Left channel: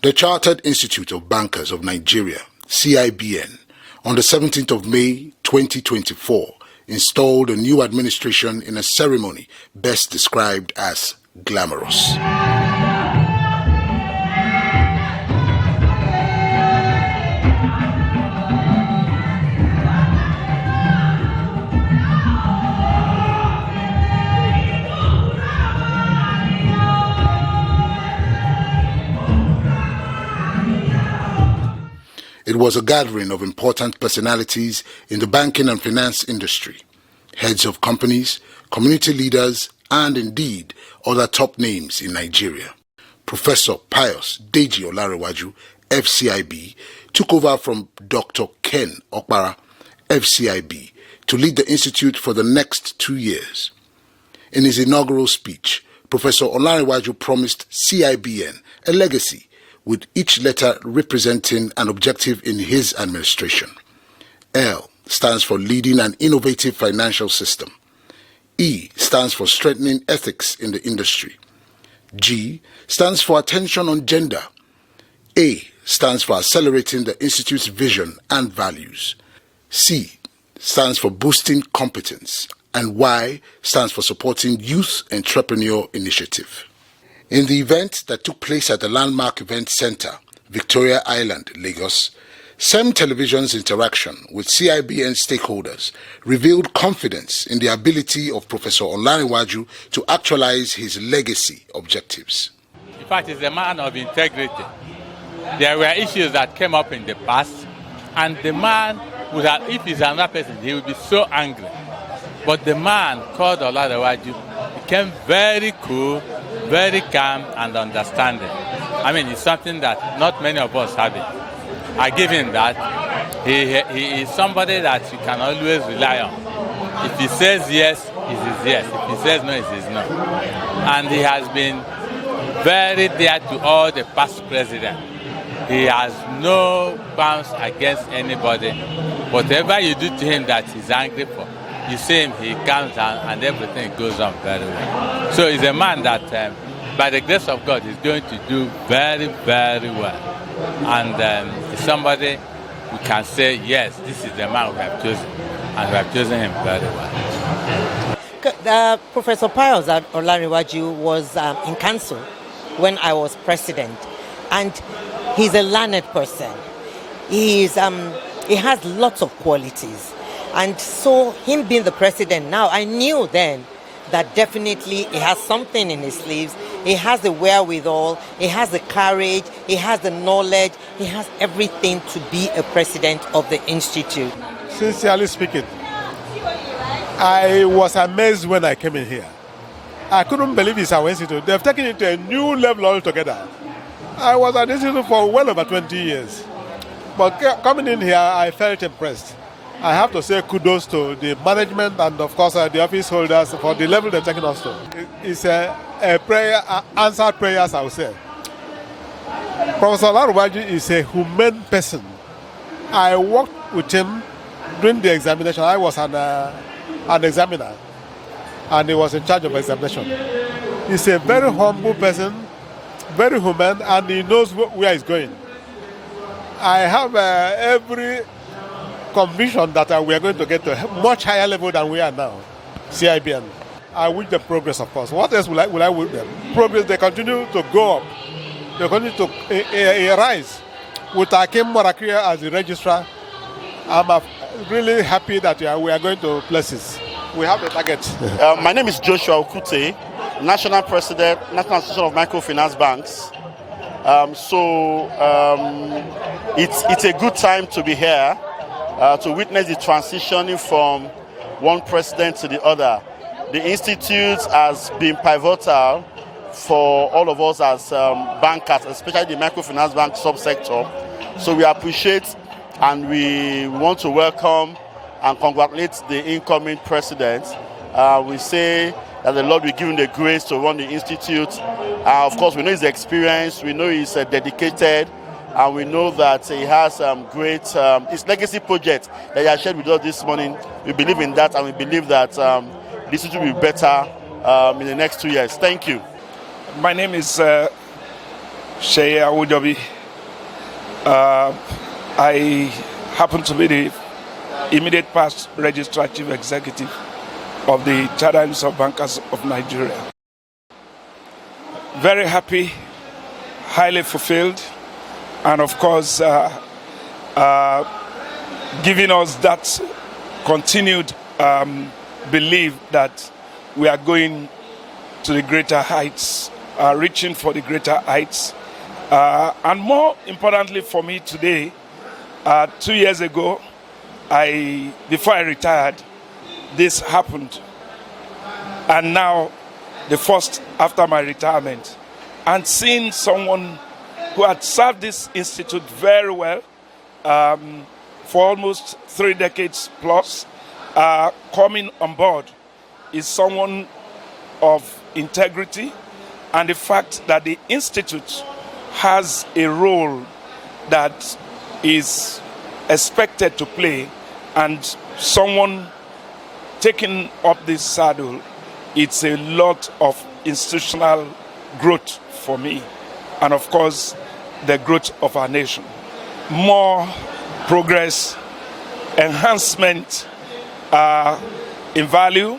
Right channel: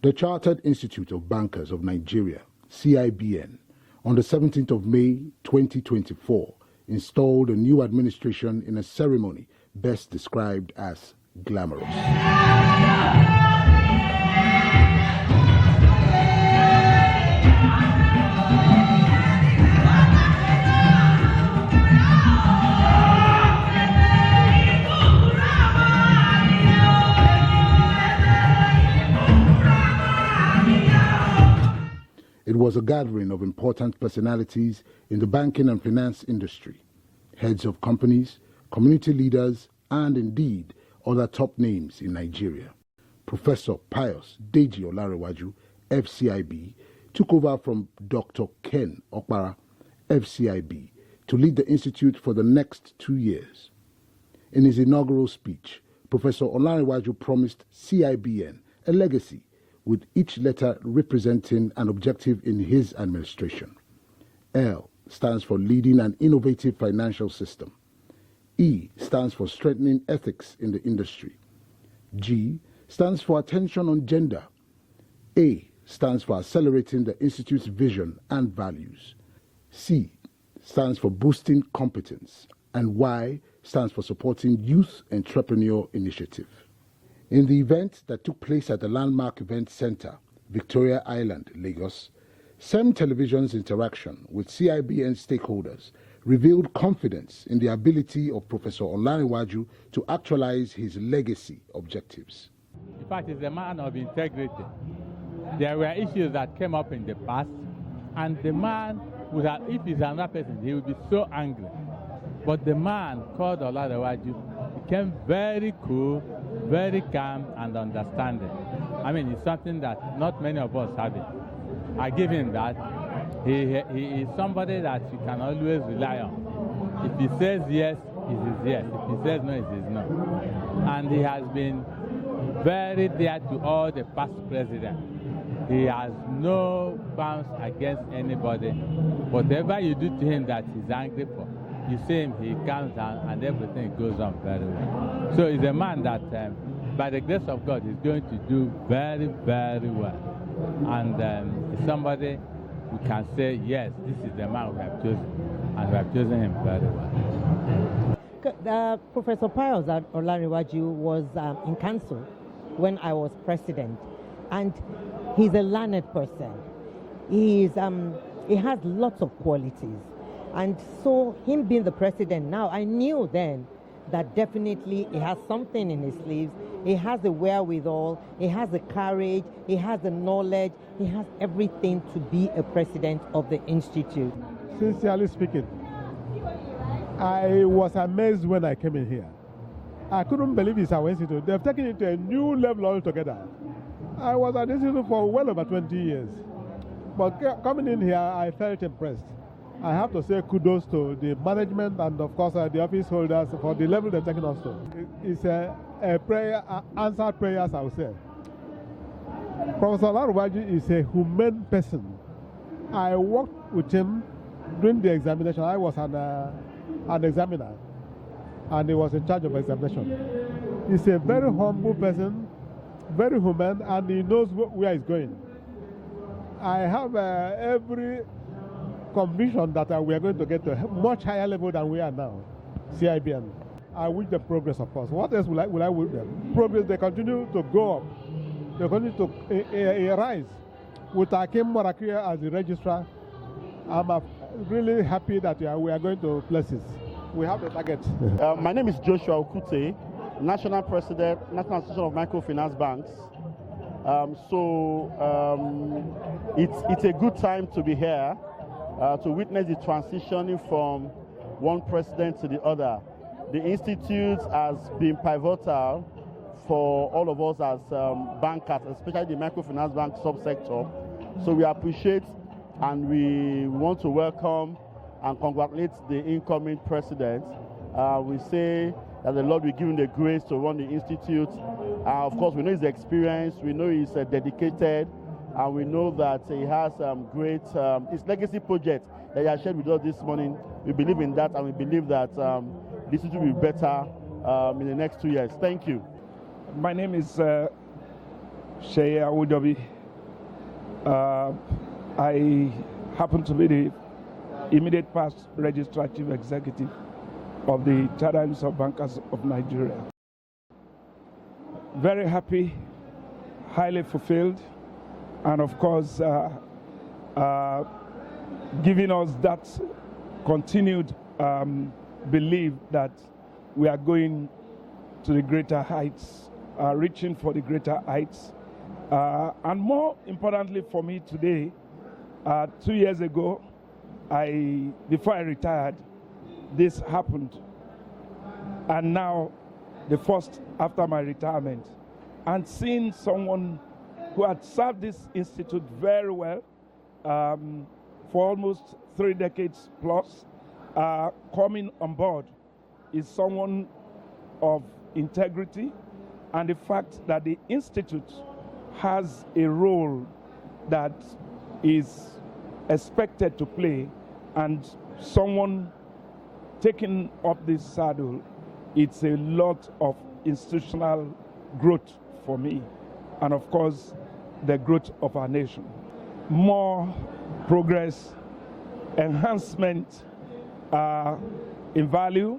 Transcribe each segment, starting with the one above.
The Chartered Institute of Bankers of Nigeria, CIBN, on the 17th of May 2024, installed a new administration in a ceremony best described as glamorous. It was a gathering of important personalities in the banking and finance industry, heads of companies, community leaders, and indeed other top names in Nigeria. Professor Pius Deji OLANREWAJU, FCIB, took over from Dr. Ken Okpara, FCIB, to lead the institute for the next 2 years. In his inaugural speech, Professor OLANREWAJU promised CIBN a legacy, with each letter representing an objective in his administration. L stands for leading an innovative financial system. E stands for strengthening ethics in the industry. G stands for attention on gender. A stands for accelerating the institute's vision and values. C stands for boosting competence. And Y stands for supporting youth entrepreneur initiative. In the event that took place at the Landmark Event Center, Victoria Island, Lagos, SEM Television's interaction with CIBN stakeholders revealed confidence in the ability of Professor OLANREWAJU to actualize his legacy objectives. In fact, he's a man of integrity. There were issues that came up in the past, and the man would have, if he's another person, he would be so angry. But the man called OLANREWAJU became very cool, very calm and understanding. I mean, it's something that not many of us have it. I give him that. He is somebody that you can always rely on. If he says yes, it is yes. If he says no, it is no. And he has been very dear to all the past presidents. He has no bounds against anybody. Whatever you do to him that he's angry for, you see him, he calms down and everything goes on very well. So he's a man that, by the grace of God, is going to do very, very well. And it's somebody who can say, yes, this is the man we have chosen, and we have chosen him very well. Professor Pius OLANREWAJU was in council when I was president, and he's a learned person. He has lots of qualities. And so him being the president now, I knew then that definitely he has something in his sleeves. He has the wherewithal, he has the courage, he has the knowledge, he has everything to be a president of the institute. Sincerely speaking, I was amazed when I came in here. I couldn't believe it's our institute. They've taken it to a new level altogether. I was at the institute for well over 20 years. But coming in here, I felt impressed. I have to say kudos to the management and, of course, the office holders for the level they've taken us to. It's a prayer, answered prayers, I would say. Professor OLANREWAJU is a humane person. I worked with him during the examination. I was an examiner, and he was in charge of examination. He's a very humble person, very humane, and he knows where he's going. I have every conviction that we are going to get to a much higher level than we are now, CIBN. I wish them progress, of course. What else will I wish them? Progress, they continue to go up. They continue to rise. With Akim Morakia as the registrar, I'm really happy that we are going to places. We have a target. My name is Joshua Okute, National President, National Association of Microfinance Banks. It's a good time to be here. To witness the transitioning from one president to the other. The Institute has been pivotal for all of us as bankers, especially the microfinance bank subsector. So we appreciate and we want to welcome and congratulate the incoming president. We say that the Lord will give him the grace to run the Institute. Of course, we know his experience, we know he's dedicated, and we know that he has great his legacy project that he has shared with us this morning. We believe in that, and we believe that this will be better in the next 2 years. Thank you. My name is CIBN. I happen to be the immediate past Registrar Chief Executive of the Chartered Institute of Bankers of Nigeria. Very happy, highly fulfilled, and of course, giving us that continued belief that we are going to the greater heights, reaching for the greater heights. And more importantly for me today, 2 years ago, before I retired, this happened. And now, the first after my retirement, and seeing someone who had served this institute very well for almost 3 decades plus, coming on board is someone of integrity, and the fact that the institute has a role that is expected to play, and someone taking up this saddle, it's a lot of institutional growth for me, and of course, the growth of our nation. More progress, enhancement in value,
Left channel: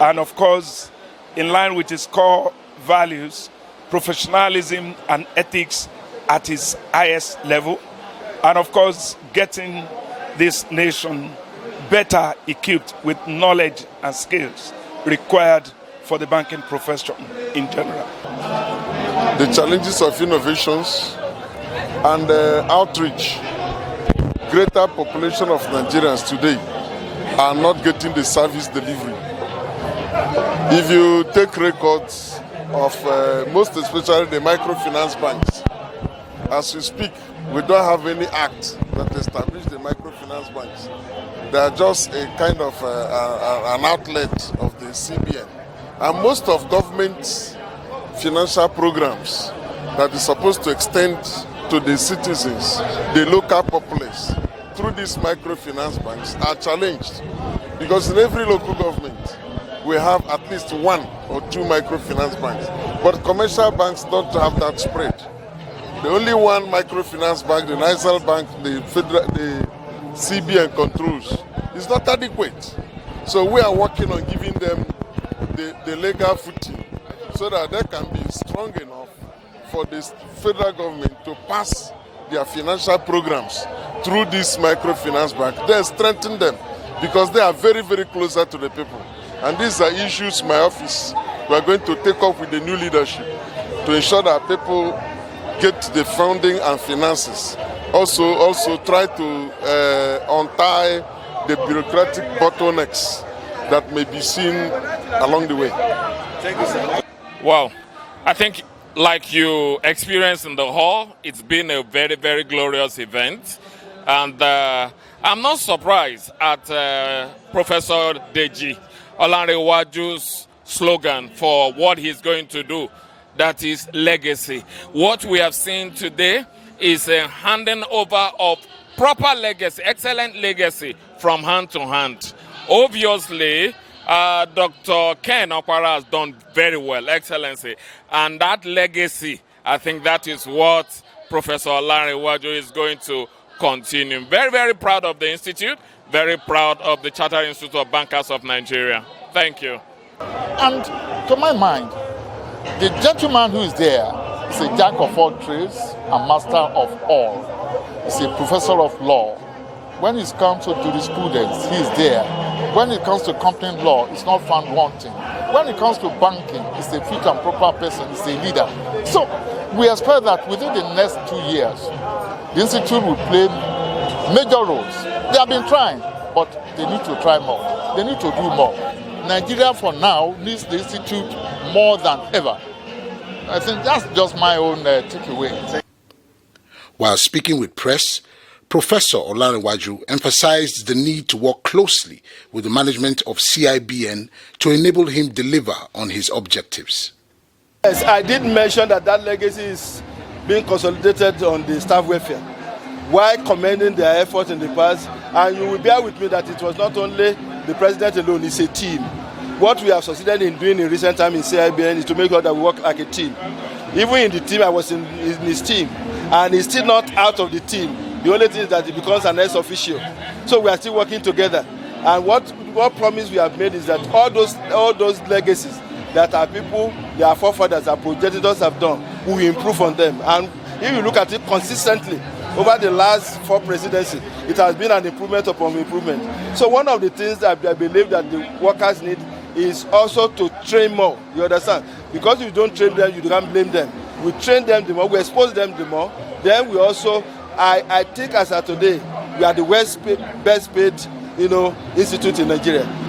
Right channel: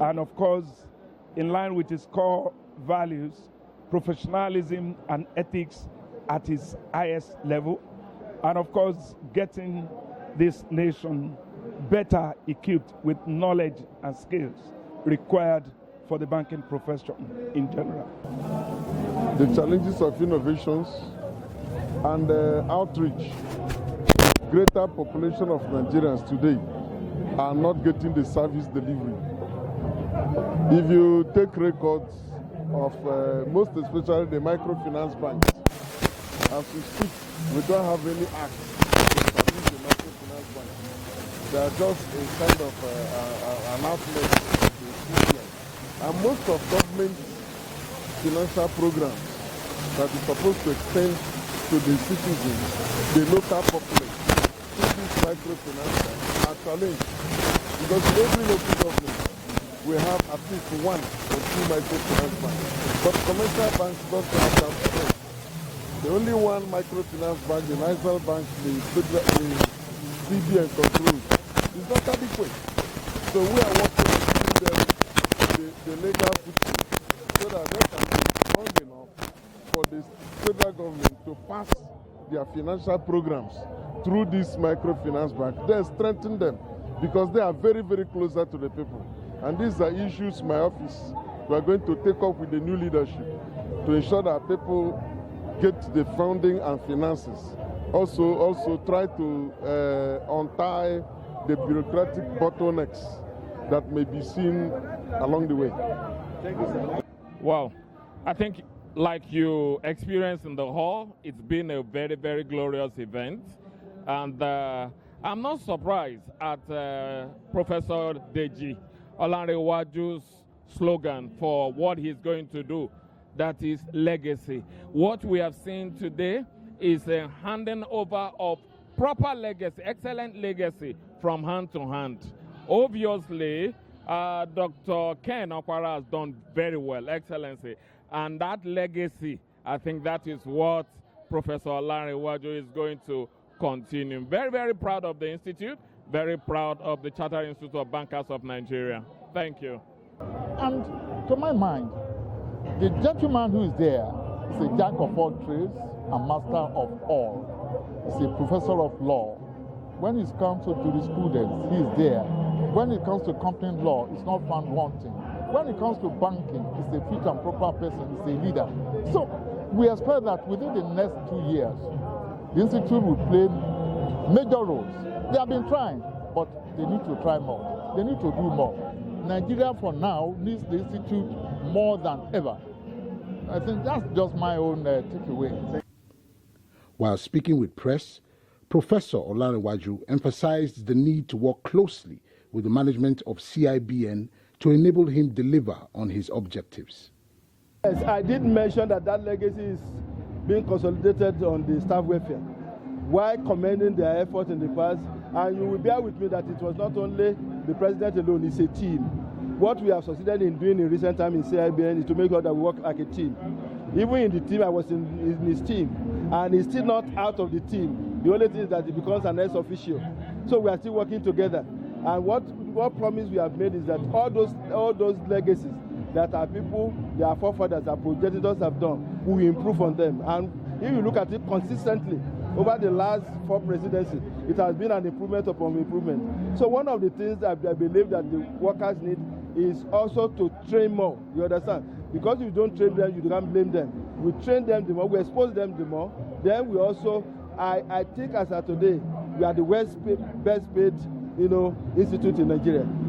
and of course, in line with its core values, professionalism and ethics at its highest level, and of course, getting this nation better equipped with knowledge and skills required for the banking profession in general. The challenges of innovations and outreach. Greater population of Nigerians today are not getting the service delivery. If you take records of most especially the microfinance banks, as we speak, we don't have any act to establish the microfinance banks. They are just a kind of an outlet of the CIBN. And most of government's financial programs that is supposed to extend to the citizens, the local populace, through these microfinance banks are challenged. Because in every local government, we have at least 1 or 2 microfinance banks. But commercial banks don't have that spread. The only one microfinance bank, the National Bank, the CBN controls, is not adequate. So we are working on giving them the legal footing so that they can be strong enough for the federal government to pass their financial programs through this microfinance bank. Then strengthen them because they are very, very closer to the people. And these are issues my office we are going to take up with the new leadership to ensure that people get the funding and finances. Also try to untie the bureaucratic bottlenecks that may be seen along the way. Thank you, sir. Well, I think like you experienced in the hall, it's been a very, very glorious event. And I'm not surprised at Professor Deji OLANREWAJU's slogan for what he's going to do. That is legacy. What we have seen today is a handing over of proper legacy, excellent legacy from hand to hand. Obviously, Dr. Ken Okwara has done very well, Excellency. And that legacy, I think that is what Professor OLANREWAJU is going to continue. Very, very proud of the Institute, very proud of the Chartered Institute of Bankers of Nigeria. Thank you. And to my mind, the gentleman who is there is a jack of all trades and master of all. He's a professor of law. When it comes to jurisprudence, he is there. When it comes to company law, it's not found wanting. When it comes to banking, it's a fit and proper person, it's a leader. So we expect that within the next 2 years, the Institute will play major roles. They have been trying, but they need to try more. They need to do more. Nigeria for now needs the Institute more than ever. I think that's just my own takeaway. While speaking with press, Professor OLANREWAJU emphasized the need to work closely with the management of CIBN to enable him deliver on his objectives. Yes, I did mention that legacy is being consolidated on the staff welfare, while commending their efforts in the past. And you will bear with me that it was not only the president alone, it's a team. What we have succeeded in doing in recent time in CIBN is to make sure that we work like a team. Even in the team, I was in his team, and he's still not out of the team. The only thing is that he becomes an ex-officio. So we are still working together. And what promise we have made is that all those legacies that our people, their forefathers, our progenitors have done, we will improve on them. And if you look at it consistently, over the last 4 presidencies, it has been an improvement upon improvement. So one of the things that I believe that the workers need is also to train more, you understand? Because if you don't train them, you can't blame them. We train them the more, we expose them the more, then we also, I think as of today, we are the best paid institute in Nigeria.